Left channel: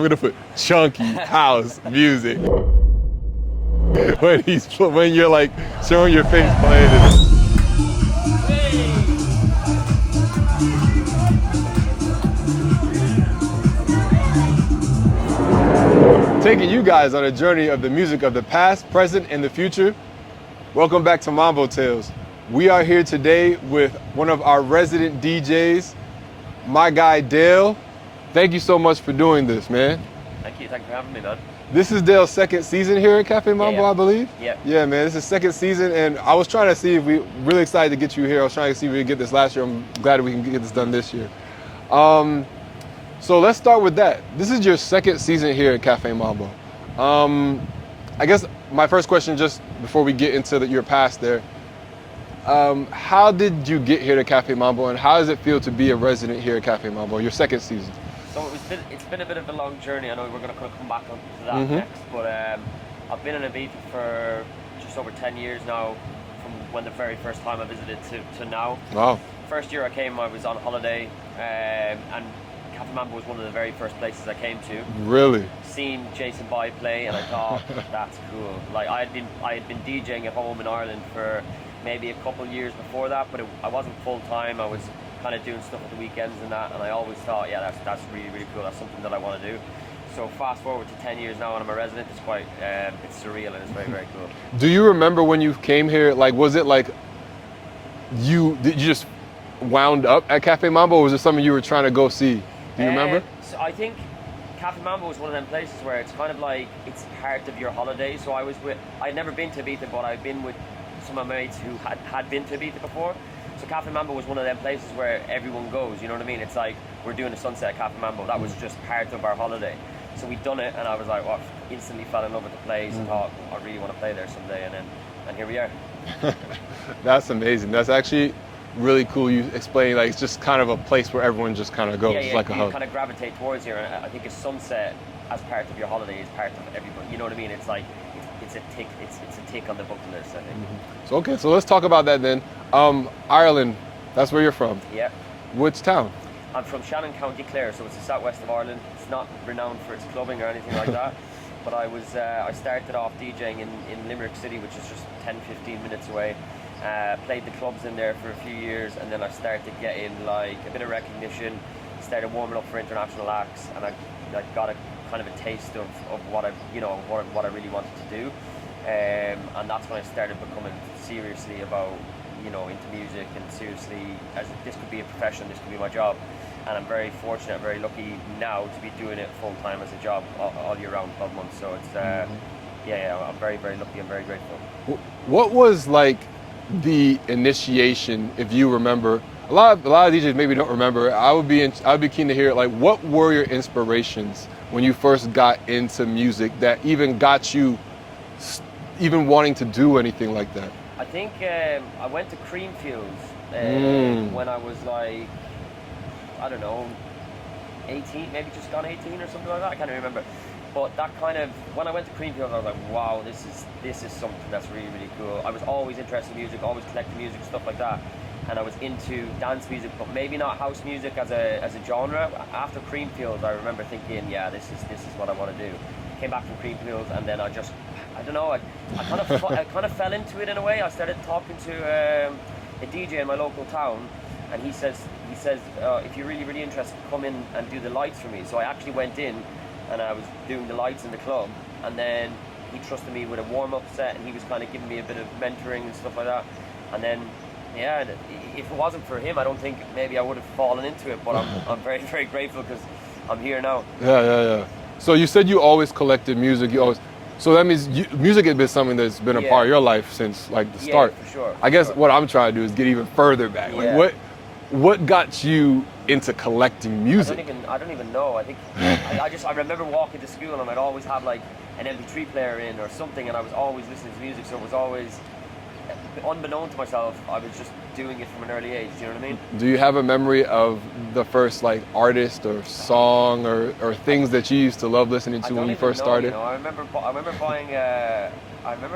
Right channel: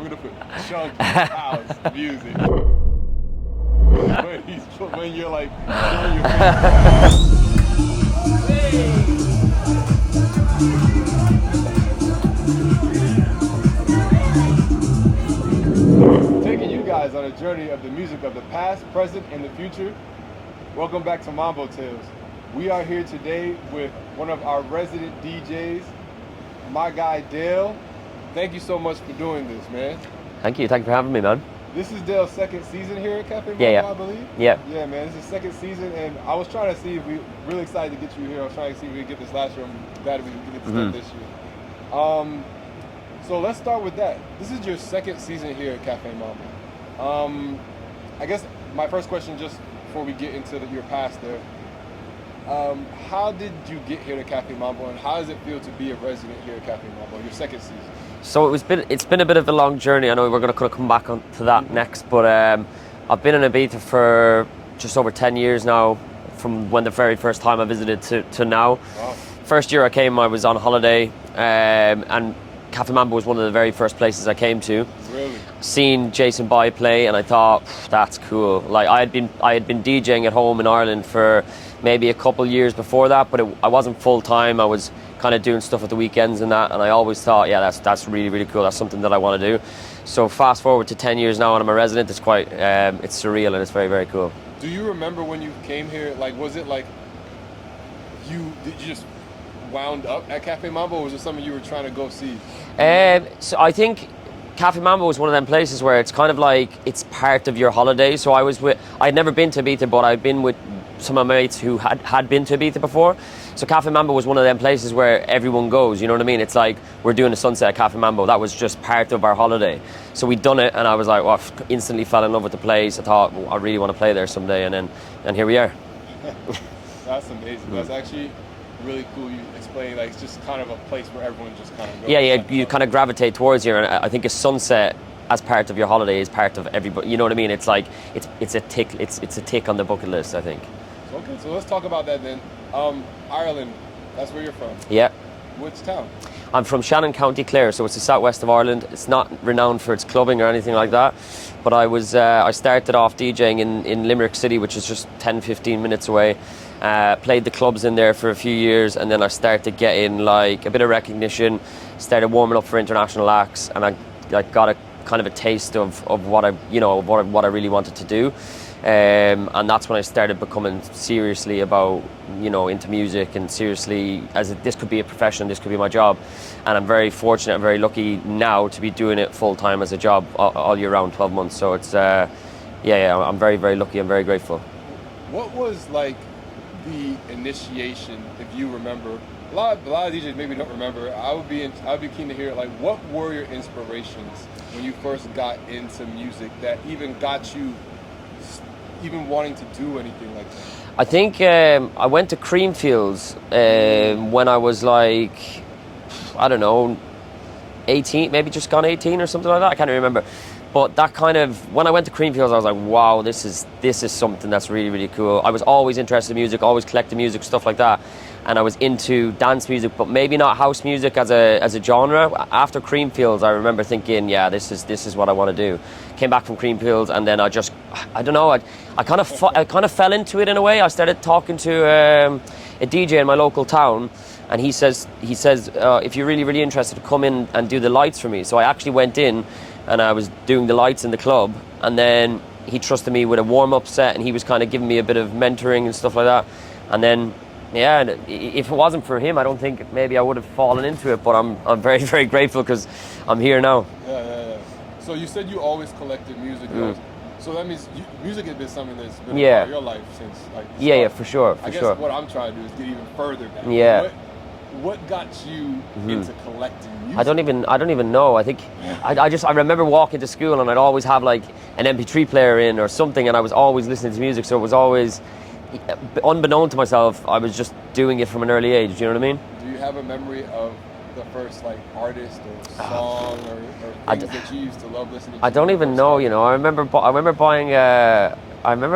We're gonna put chunky house music. When you're like showing your face playing. Taking you guys on a journey of the music of the past, present, and the future. Welcome back to Mambo Tales. We are here today with one of our resident DJs, my guy DAYL. Thank you so much for doing this, man. Thank you for having me, man. This is DAYL's second season here at Café Mambo, I believe? Yeah. Yeah, man, this is second season, and I was trying to see if really excited to get you here. I was trying to see if we could get this last year. I'm glad we can get this done this year. So let's start with that. This is your second season here at Café Mambo. I guess my first question, just before we get into your past there, how did you get here to Café Mambo, and how does it feel to be a resident here at Café Mambo, your second season? So it's been a bit of a long journey. I know we're going to come back on to that next, but I've been in Ibiza for just over 10 years now, from when the very first time I visited to now. Wow. First year I came, I was on holiday, and Café Mambo was one of the very first places I came to. Really? Seen Jason Bai play, and I thought, that's cool. Like I had been DJing at home in Ireland for maybe a couple years before that, but I wasn't full time. I was kind of doing stuff at the weekends and that, and I always thought, yeah, that's really, really cool. That's something that I want to do. So fast forward to 10 years now, and I'm a resident. It's quite, it's surreal, and it's very, very cool. Do you remember when you came here? Like, was it like did you just wound up at Café Mambo, or was it something you were trying to go see? So I think Café Mambo was one of them places where it's kind of like it's part of your holiday. So I'd never been to Ibiza, but I'd been with some of my mates who had been to Ibiza before. So Café Mambo was one of them places where everyone goes, you know what I mean? It's like we're doing a sunset at Café Mambo. That was just part of our holiday. So we'd done it, and I was like, well, instantly fell in love with the place. I thought, well, I really want to play there someday, and here we are. That's amazing. That's actually really cool. You explain, like, it's just kind of a place where everyone just kind of goes. Yeah, like you kind of gravitate towards here, and I think a sunset as part of your holiday is part of everybody. You know what I mean? It's like it's a tick. It's a tick on the bucket list, I think. So, okay, so let's talk about that then. Ireland, that's where you're from. Yeah. Which town? I'm from Shannon, County Clare, so it's the southwest of Ireland. It's not renowned for its clubbing or anything like that, but I started off DJing in Limerick City, which is just 10-15 minutes away. Played the clubs in there for a few years, and then I started getting like a bit of recognition, started warming up for international acts, and I got a kind of a taste of what I really wanted to do. And that's when I started becoming seriously about, into music, and seriously as this could be a profession, this could be my job. And I'm very fortunate and very lucky now to be doing it full time as a job all year round, 12 months. So it's, I'm very, very lucky. I'm very grateful. What was like the initiation, if you remember? A lot of DJs maybe don't remember. I would be keen to hear, like, what were your inspirations when you first got into music that even got you even wanting to do anything like that? I think I went to Creamfields when I was like, I don't know, 18, maybe just gone 18 or something like that. I can't remember. But that kind of, when I went to Creamfields, I was like, wow, this is something that's really, really cool. I was always interested in music, always collecting music, stuff like that. And I was into dance music, but maybe not house music as a genre. After Creamfields, I remember thinking, yeah, this is what I want to do. Came back from Creamfields, and then I don't know, I kind of fell into it in a way. I started talking to a DJ in my local town, and he says, if you're really, really interested, to come in and do the lights for me. So I actually went in, and I was doing the lights in the club, and then he trusted me with a warm-up set, and he was kind of giving me a bit of mentoring and stuff like that. And then, yeah, if it wasn't for him, I don't think maybe I would have fallen into it, but I'm very, very grateful because I'm here now. Yeah. So you said you always collected music. So that means music has been something that's been a part of your life since like the start. Yeah, for sure. I guess what I'm trying to do is get even further back. Yeah. Like, what got you into collecting music? I don't even know. I think I remember walking to school, and I'd always have like an MP3 player in or something, and I was always listening to music. So it was always, unbeknown to myself, I was just doing it from an early age. You know what I mean? Do you have a memory of the first like artist or song or things that you used to love listening to? I don't even know. I remember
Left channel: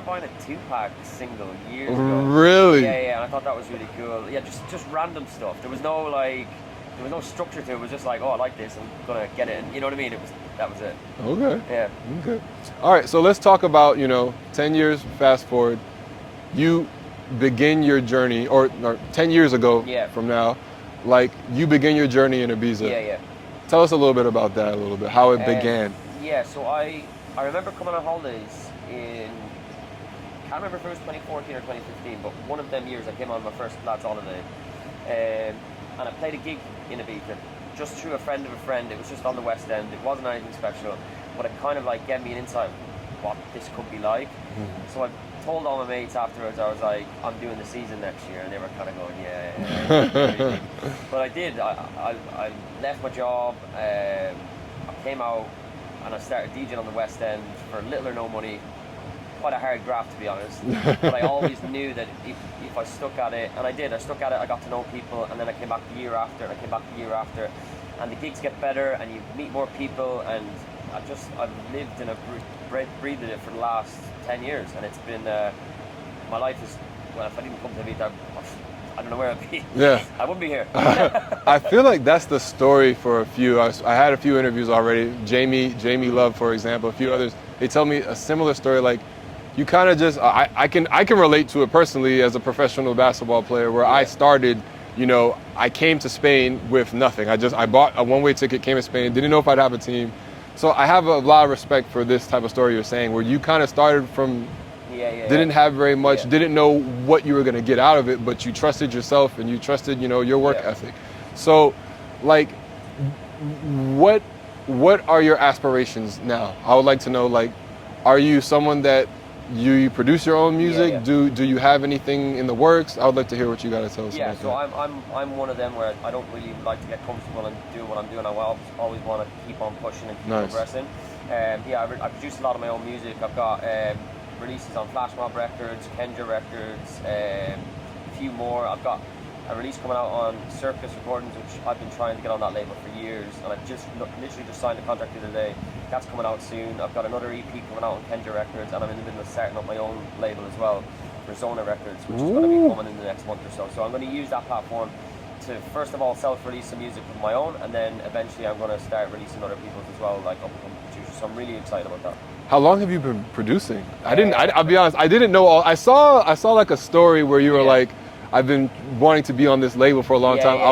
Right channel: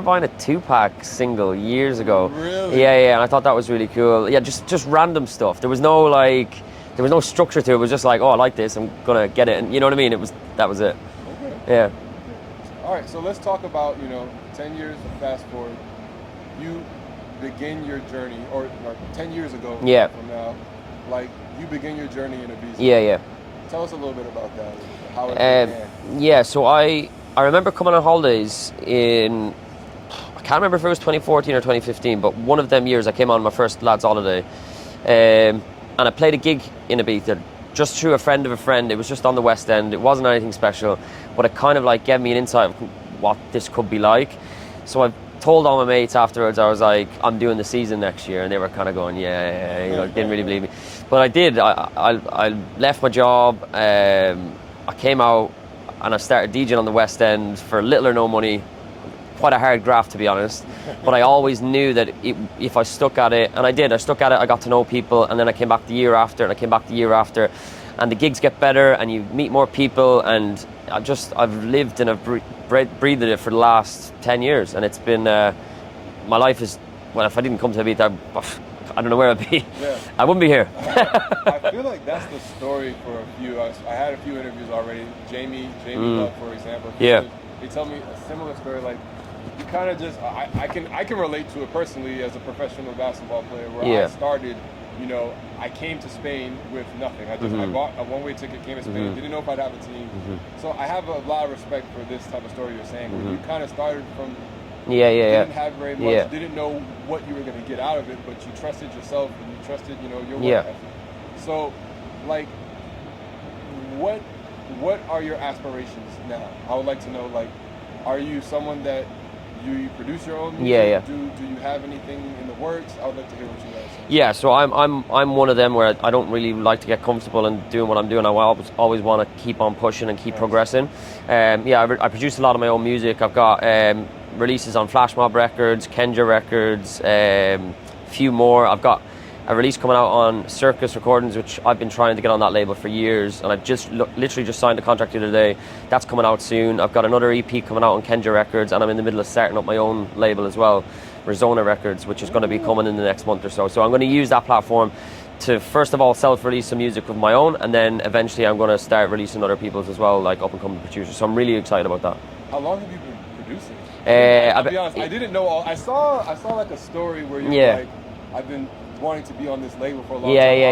buying a Tupac single years ago. Really? Yeah. And I thought that was really cool. Yeah, just random stuff. There was no like there was no structure to it. It was just like, oh, I like this, I'm gonna get it, and you know what I mean. That was it. Okay. Yeah. Okay. All right. So let's talk about 10 years fast forward. You begin your journey, or 10 years ago. Yeah. From now, like you begin your journey in Ibiza. Yeah, yeah. Tell us a little bit about that. A little bit how it began. Yeah. So I remember coming on holidays in. I can't remember if it was 2014 or 2015, but one of them years I came on my first lads holiday, and I played a gig in Ibiza, just through a friend of a friend. It was just on the West End. It wasn't anything special, but it kind of like gave me an insight of what this could be like. So I told all my mates afterwards, I was like, I'm doing the season next year, and they were kind of going, yeah, you didn't really believe me. But I did. I left my job. I came out and I started DJing on the West End for little or no money. Quite a hard graft, to be honest, but I always knew that if I stuck at it, and I did, I stuck at it, I got to know people, and then I came back the year after, and I came back the year after, and the gigs get better, and you meet more people, and I've lived and I've breathed it for the last 10 years, and it's been, my life is, well, if I didn't come to Ibiza, I don't know where I'd be. Yeah. I wouldn't be here. I feel like that's the story for a few. I had a few interviews already. Jamie Love, for example, a few others. They tell me a similar story, like, you kind of just, I can relate to it personally as a professional basketball player where I started, I came to Spain with nothing. I bought a one-way ticket, came to Spain, didn't know if I'd have a team. So I have a lot of respect for this type of story you're saying where you kind of started from, didn't have very much, didn't know what you were going to get out of it, but you trusted yourself and you trusted, your work ethic. So, like, what are your aspirations now? I would like to know, like, are you someone that you produce your own music? Do you have anything in the works? I would like to hear what you got to tell us. Yeah, so I'm one of them where I don't really like to get comfortable in doing what I'm doing. I always want to keep on pushing and keep progressing. I produce a lot of my own music. I've got releases on Flash Mob Records, Kenja Records, a few more. I've got a release coming out on Circus Recordings, which I've been trying to get on that label for years, and I've literally just signed a contract the other day. That's coming out soon. I've got another EP coming out on Kenja Records, and I'm in the middle of starting up my own label as well, Rezona Records, which is going to be coming in the next month or so. So I'm going to use that platform to first of all self-release some music with my own, and then eventually I'm going to start releasing other people's as well, like up-and-coming producers. So I'm really excited about that. How long have you been producing? I'll be honest, I didn't know all. I saw like a story where you were like, I've been wanting to be on this label for a long time.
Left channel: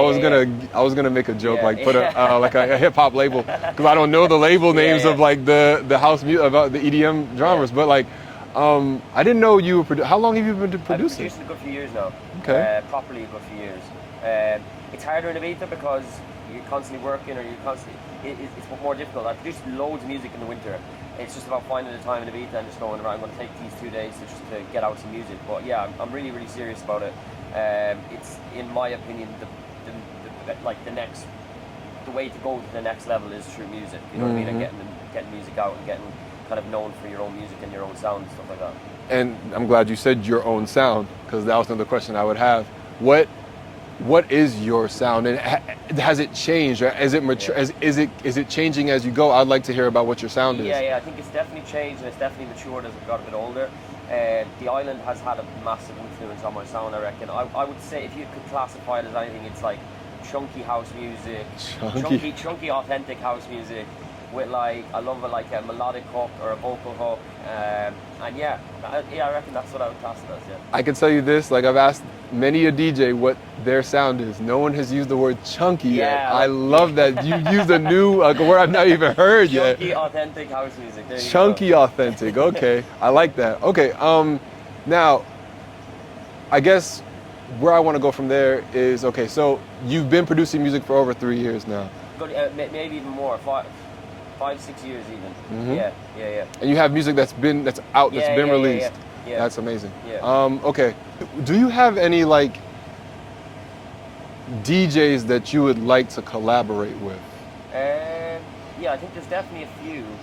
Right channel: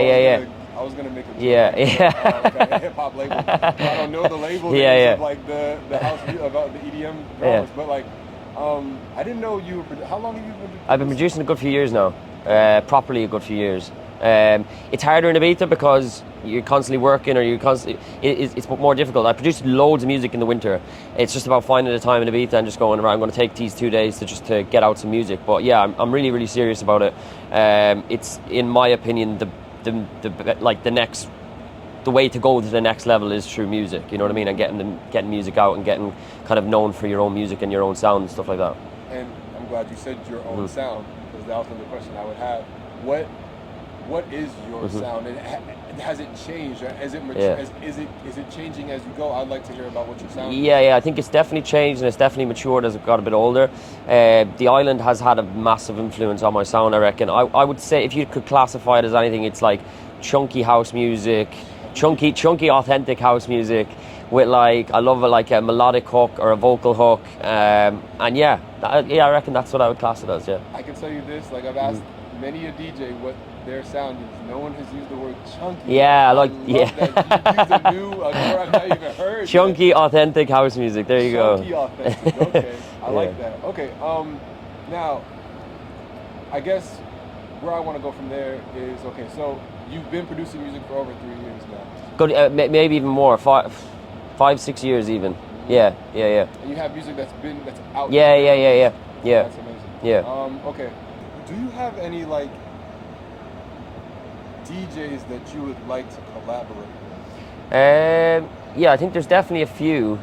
I was gonna make a joke, put a hip hop label, because I don't know the label names of like the house about the EDM drummers. But like, I didn't know you were. How long have you been producing? I've been producing a good few years now. Properly a good few years. It's harder in Ibiza because you're constantly working, or it's more difficult. I produced loads of music in the winter. It's just about finding the time in Ibiza and just going around. I'm going to take these 2 days to get out some music. But yeah, I'm really, really serious about it. It's, in my opinion, the way to go to the next level is through music. You know what I mean? And getting music out and getting kind of known for your own music and your own sound and stuff like that. And I'm glad you said your own sound, because that was another question I would have. What is your sound, and has it changed? Or is it mature? Is it changing as you go? I'd like to hear about what your sound is. Yeah, I think it's definitely changed, and it's definitely matured as it got a bit older. The island has had a massive influence on my sound, I reckon. I would say, if you could classify it as anything, it's like chunky house music, chunky authentic house music, with like, I love a melodic hook or a vocal hook, and I reckon that's what I would class it as. Yeah. I can tell you this, like, I've asked many a DJ what their sound is. No one has used the word chunky yet. I love that you used a new word I've not even heard chunky, yet. authentic house music. There you go. Chunky, authentic. Okay, I like that. Okay, now, I guess where I want to go from there is, okay, so you've been producing music for over 3 years now. Good, maybe even more. 5-6 years even. Yeah. And you have music that's out, that's been released. Yeah. That's amazing. Yeah. Okay. Do you have any like DJs that you would like to collaborate with? Yeah, I think there's definitely a few.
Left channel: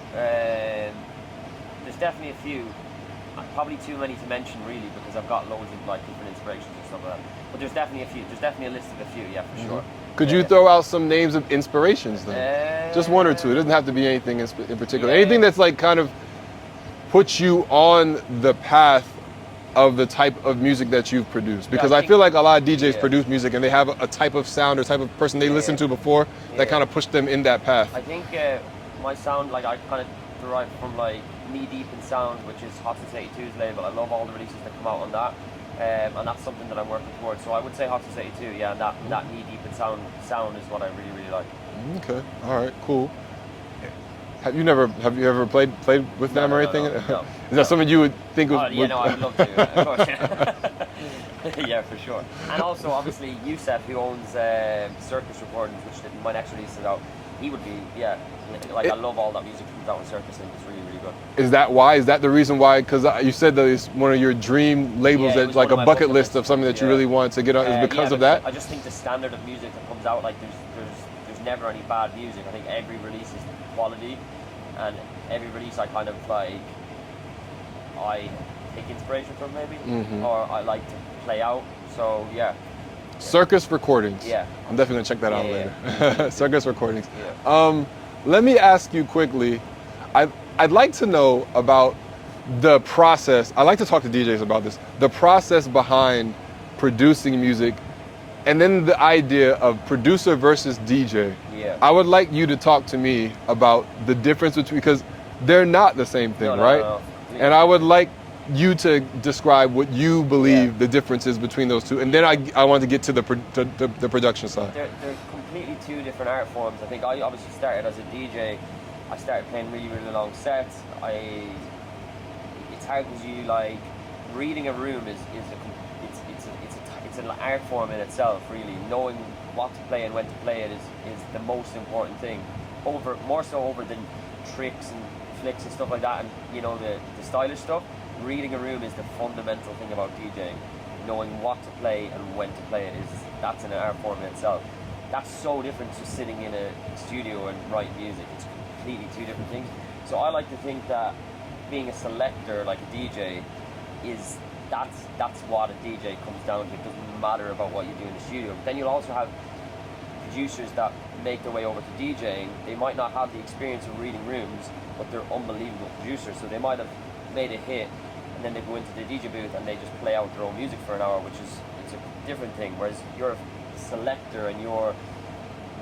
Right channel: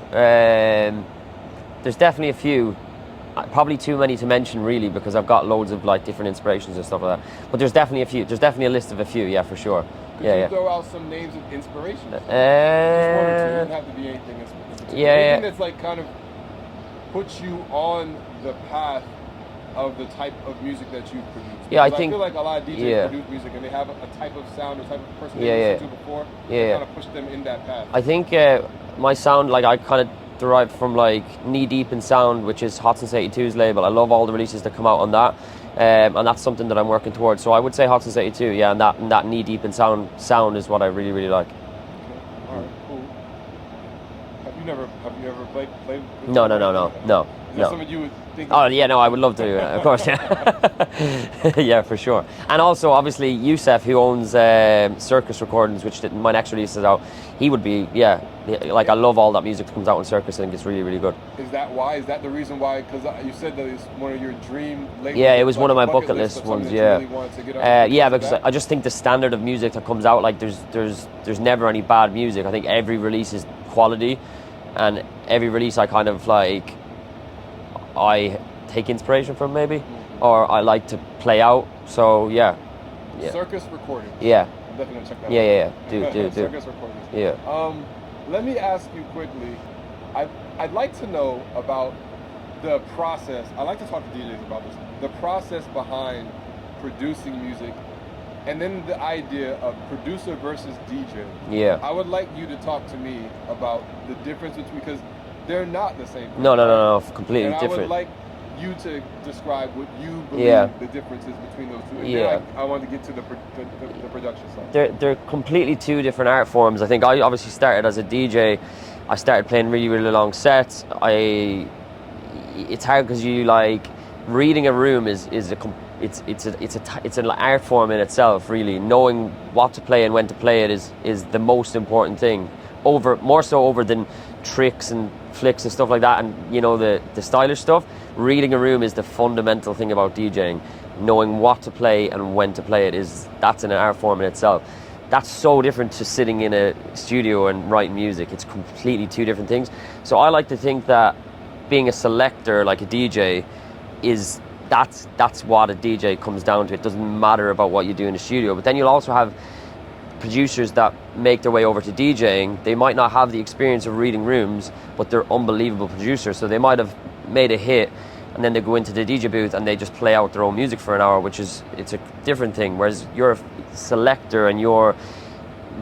Probably too many to mention, really, because I've got loads of like different inspirations and stuff like that. But there's definitely a few. There's definitely a list of a few. Yeah, for sure. Could you throw out some names of inspirations? Just one or two. It doesn't have to be anything in particular. Anything that's like kind of puts you on the path of the type of music that you've produced? Yeah, Because I think- feel like a lot of DJs yeah. produce music and they have a type of sound or type of person they Yeah, listened yeah. to before Yeah, that yeah. kind of pushed them in that path. I think my sound, like I kind of derived from like Knee Deep in Sound, which is Hot Since 82's label. I love all the releases that come out on that, and that's something that I'm working towards. So I would say Hot Since 82, yeah, and that Knee Deep in Sound is what I really, really like. Okay, all right, cool. Have you ever played with No, them or no, anything? no. Is that No. something you would think of? Oh yeah, no, I would love to, of course, yeah. Yeah, for sure. And also, obviously, Youssef, who owns Circus Recordings, which my next release is out, he would be, yeah, like I love all that music that comes out on Circus. I think it's really, really good. Is that why? Is that the reason why? Because you said that it's one of your dream labels. Yeah, it that's was like one of a my bucket bucket list list of something ones, that you yeah. really want to get on. Is because Yeah, of that? I just think the standard of music that comes out, like there's never any bad music. I think every release is quality, and every release I kind of like, I take inspiration from maybe, or I like to play out. So yeah. Circus Recordings. Yeah. I'm definitely gonna check that Yeah, out. yeah, later. do. Circus Recordings. Yeah. Let me ask you quickly. I'd like to know about the process. I like to talk to DJs about this. The process behind producing music, and then the idea of producer versus DJ. Yeah. I would like you to talk to me about the difference between, because they're not the same thing, No, right? no, completely. And I would different. like you to describe what you believe Yeah. the differences between those two, and Yeah. then I want to get to the production side. They're completely two different art forms. I think I obviously started as a DJ. I started playing really, really long sets. It's hard because you like reading a room it's an art form in itself. Really, knowing what to play and when to play it is the most important thing. More so over than tricks and flicks and stuff like that, and you know the stylish stuff. Reading a room is the fundamental thing about DJing. Knowing what to play and when to play it that's an art form in itself. That's so different to sitting in a studio and writing music. It's completely two different things. So I like to think that being a selector like a DJ that's what a DJ comes down to. It doesn't matter about what you do in the studio. But then you'll also have producers that make their way over to DJing. They might not have the experience of reading rooms, but they're unbelievable producers. So they might have made a hit, and then they go into the DJ booth and they just play out their own music for an hour, it's a different thing. Whereas you're a selector and you're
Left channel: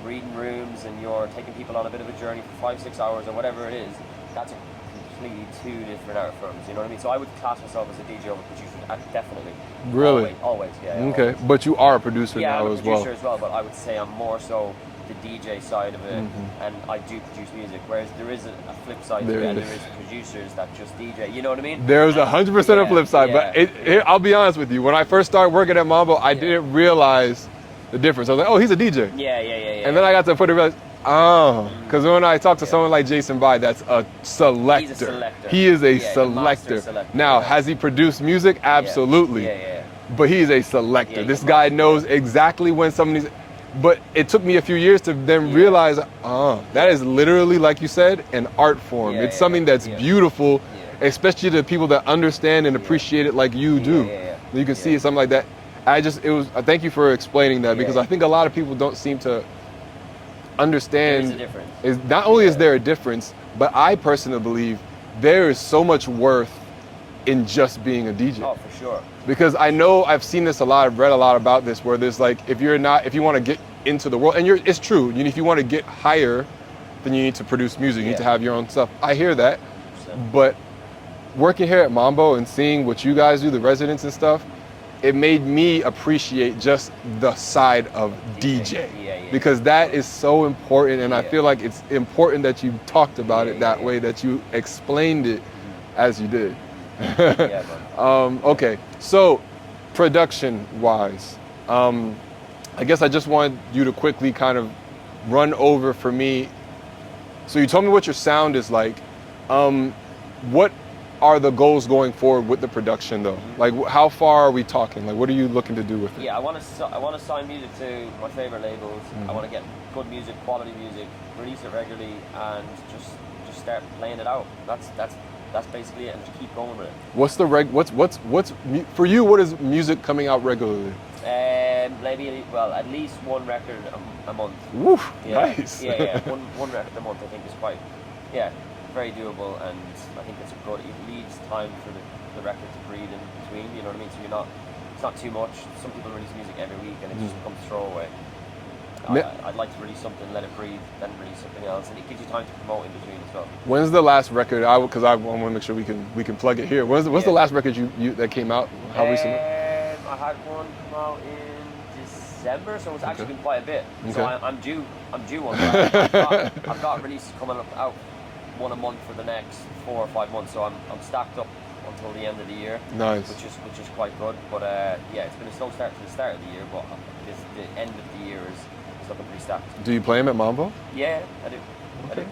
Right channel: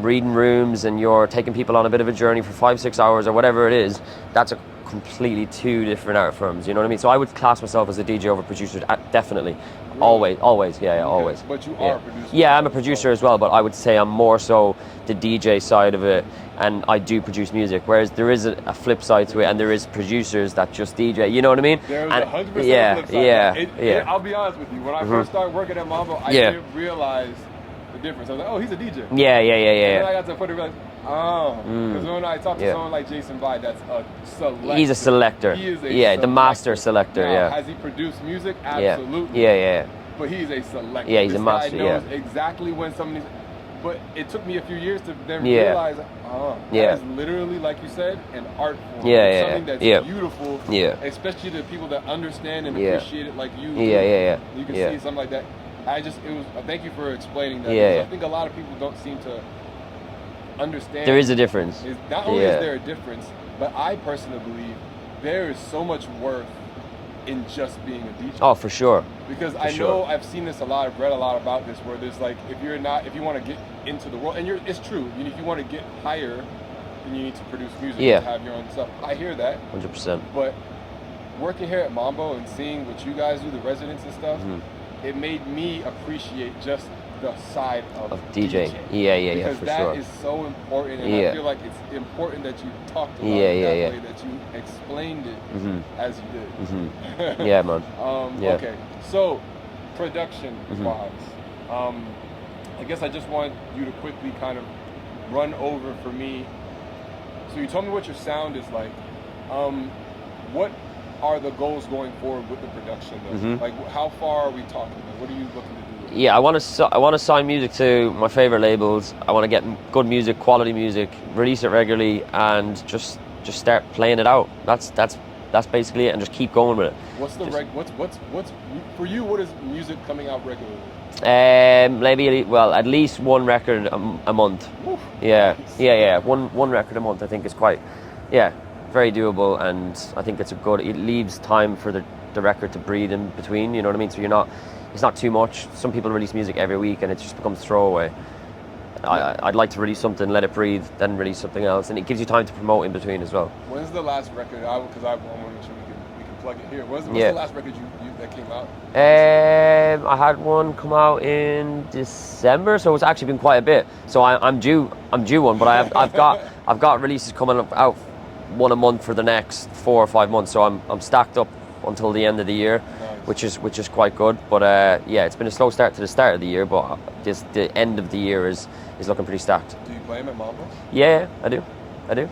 reading rooms and you're taking people on a bit of a journey for 5-6 hours or whatever it is, that's a completely two different art forms, you know what I mean? So I would class myself as a DJ over producer, definitely. Really? Always, yeah, Okay. always. But you are a producer. Yeah, now I'm a producer as well, but I would say I'm more so the DJ side of it, and I do produce music, whereas there is a flip side to it, and there is producers that just DJ, you know what I mean? There's 100% a flip side. Yeah, but I'll be honest with you, when I first started working at Mambo, I didn't realize the difference. I was like, oh, he's a DJ. Yeah. And then I got to the point to realize, because when I talk to someone like Jason Bai, that's a selector. He's a selector. He is a selector. the master selector. Now, has he produced music? Absolutely. Yeah. But he's a selector. Yeah, he's this a guy master, knows exactly when somebody's. But it took me a few years to then realize, that is literally, like you said, an art form. It's something that's beautiful, especially to people that understand and appreciate it like you do. You can see something like that. I thank you for explaining that, because I think a lot of people don't seem to understand. There is a difference. Not only is there a difference, but I personally believe there is so much worth in just being a DJ. Oh, for sure. Because I know I've seen this a lot, I've read a lot about this, where there's like, if you want to get into the world, and it's true, if you want to get higher, then you need to produce music, you need to have your own stuff. I hear that. 100%. But working here at Mambo and seeing what you guys do, the residents and stuff, it made me appreciate just the side of DJ. Because that is so important, and I feel like it's important that you talked about it that way, that you explained it as you did. Yeah, man. Okay, so production-wise, I guess I just wanted you to quickly kind of run over for me. So you told me what your sound is like. What are the goals going forward with the production, though? Like, how far are we talking? Like, what are you looking to do with it? Yeah, I want to sign music to my favorite labels. I want to get good music, quality music, release it regularly, and just start playing it out. That's basically it, and just keep going with it. What's for you? What is music coming out regularly? Maybe at least one record a month. Woof. Yeah, nice. yeah. One record a month, I think, is quite. Yeah. very doable, and I think it's a good. It leaves time for the record to breathe in between. You know what I mean? So it's not too much. Some people release music every week, and it just becomes throwaway. I'd like to release something, let it breathe, then release something else, and it gives you time to promote in between as well. When's the last record? Because I want to make sure we can plug it here. When's the last record you that came out? I had one come out in December, so it's actually been quite a bit. Okay. So I'm due one, but I've got releases coming out one a month for the next 4 or 5 months. So I'm stacked up until the end of the year, nice. which is quite good. But yeah, it's been a slow start to the start of the year, but the end of the year is looking pretty stacked. Do you play them at Mambo? Yeah, I do. Okay.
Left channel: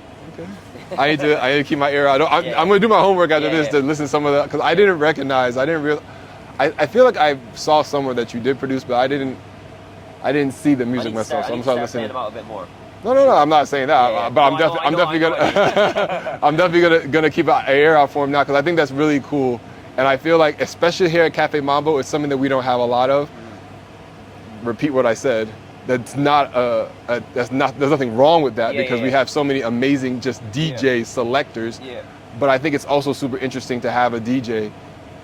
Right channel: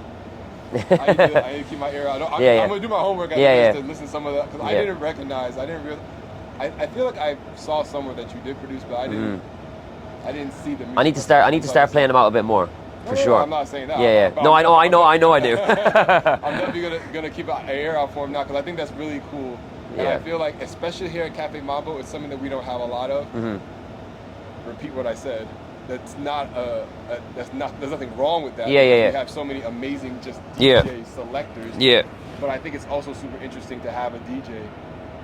I need to keep my ear out. I'm going to do my homework after this to listen to some of that, because I didn't recognize. I didn't realize. I feel like I saw somewhere that you did produce, but I didn't see the music. I need to start playing them out a bit more. No, I'm not saying that. Yeah. But I know I do. I'm definitely gonna keep an ear out for him now, because I think that's really cool. And I feel like, especially here at Café Mambo, it's something that we don't have a lot of. Mm-hmm. Repeat what I said. That's not there's nothing wrong with that, because we have so many amazing just DJ selectors. Yeah. But I think it's also super interesting to have a DJ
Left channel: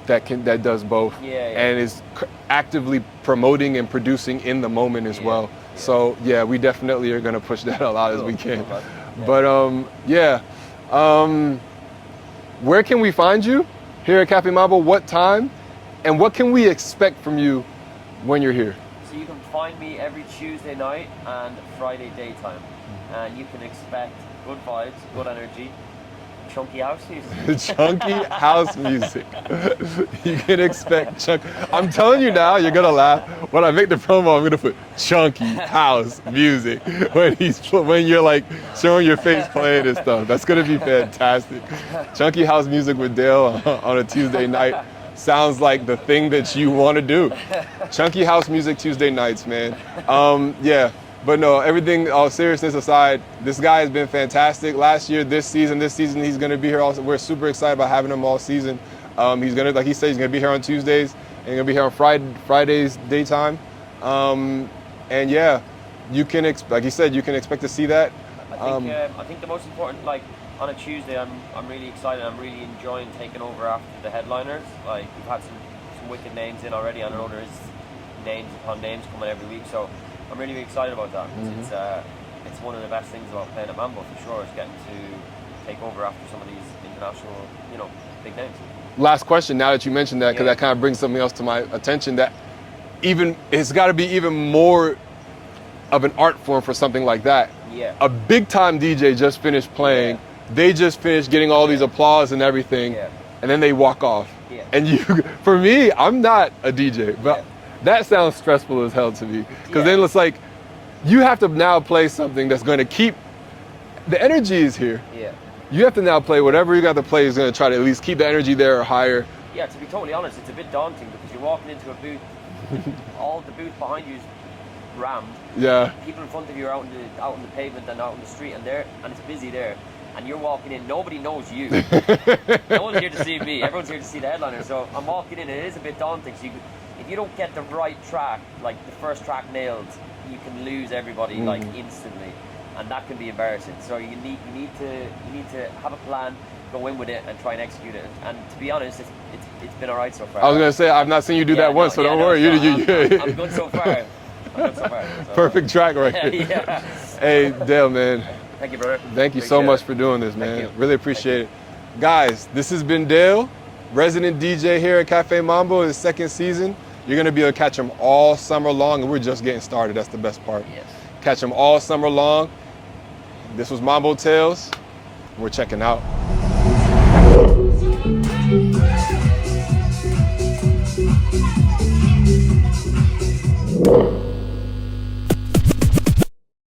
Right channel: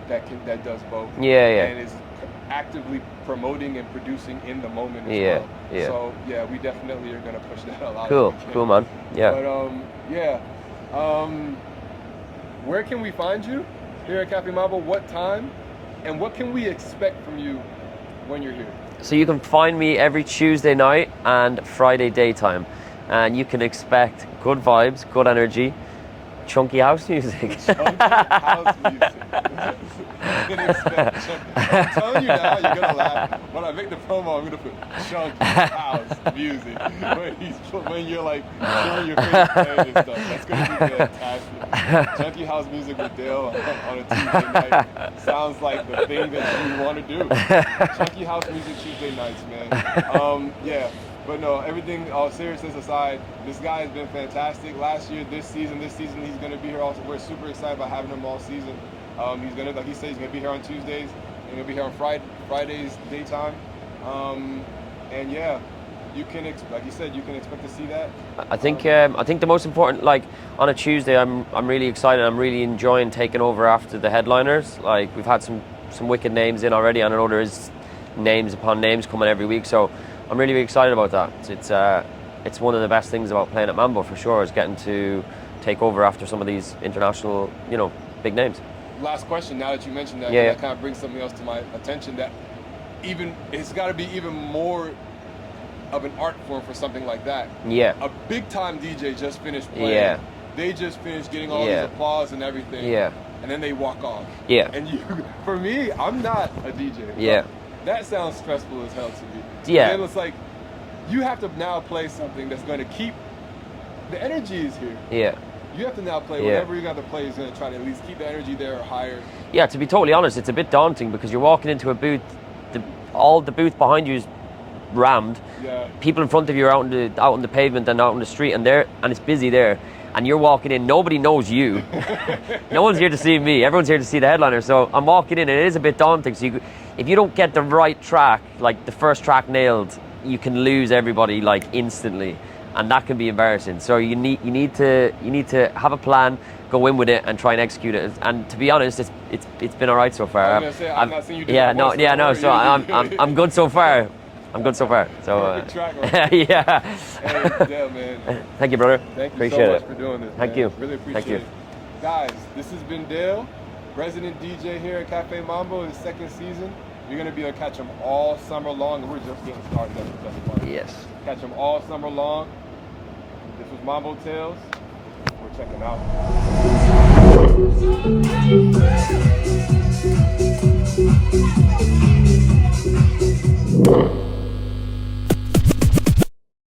that does both. And is actively promoting and producing in the moment as well. Yeah. So we definitely are gonna push that a lot as we can. Cool, man. Yeah. But where can we find you here at Café Mambo? What time? And what can we expect from you when you're here? So you can find me every Tuesday night and Friday daytime, and you can expect good vibes, good energy, chunky house music. Chunky house music. You can expect chunky. I'm telling you now, you're gonna laugh. When I make the promo, I'm gonna put chunky house music when you're like showing your face playing and stuff. That's gonna be fantastic. Chunky house music with DAYL on a Tuesday night sounds like the thing that you want to do. Chunky house music Tuesday nights, man. But no, everything, all seriousness aside, this guy has been fantastic. Last year, this season, he's going to be here also. We're super excited about having him all season. He's going to, like he said, he's going to be here on Tuesdays, and going to be here on Fridays daytime. And yeah, you can, like he said, you can expect to see that. I think the most important, like on a Tuesday, I'm really excited. I'm really enjoying taking over after the headliners. Like we've had some wicked names in already, and I know there is names upon names coming every week. So I'm really excited about that. Mm-hmm. It's one of the best things about playing at Mambo for sure, is getting to take over after some of these international, big names. Last question, now that you mentioned that, because that kind of brings something else to my attention, that it's got to be even more of an art form for something like that. Yeah. A big time DJ just finished playing. Yeah. They just finished getting all these applause and everything. Yeah. And then they walk off. Yeah. And for me, I'm not a DJ. Yeah. That sounds stressful as hell to me. Yeah. Then it's like, you have to now play something that's going to keep, the energy is here. Yeah. You have to now play whatever you got to play is going to try to at least keep the energy there or higher. Yeah, to be totally honest, it's a bit daunting, because you're walking into a booth, all the booth behind you is rammed. Yeah. People in front of you are out on the pavement and out on the street, and it's busy there. And you're walking in, nobody knows you. No one's here to see me, everyone's here to see the headliner. So I'm walking in, and it is a bit daunting. So if you don't get the right track, like the first track nailed, you can lose everybody like instantly, and that can be embarrassing. So you need to have a plan, go in with it, and try and execute it. And to be honest, it's been all right so far. I was gonna say I've not seen you do that once. So don't worry. I'm good so far. I'm good so far. So, perfect track right there. Yeah. Hey, DAYL, man. Thank you, brother. Thank you so much for doing this, man. Thank you. Really appreciate it. Guys, this has been DAYL, resident DJ here at Café Mambo, his second season. You're going to be able to catch him all summer long, and we're just getting started. That's the best part. Yes. Catch him all summer long. This was Mambo Tales. We're checking out.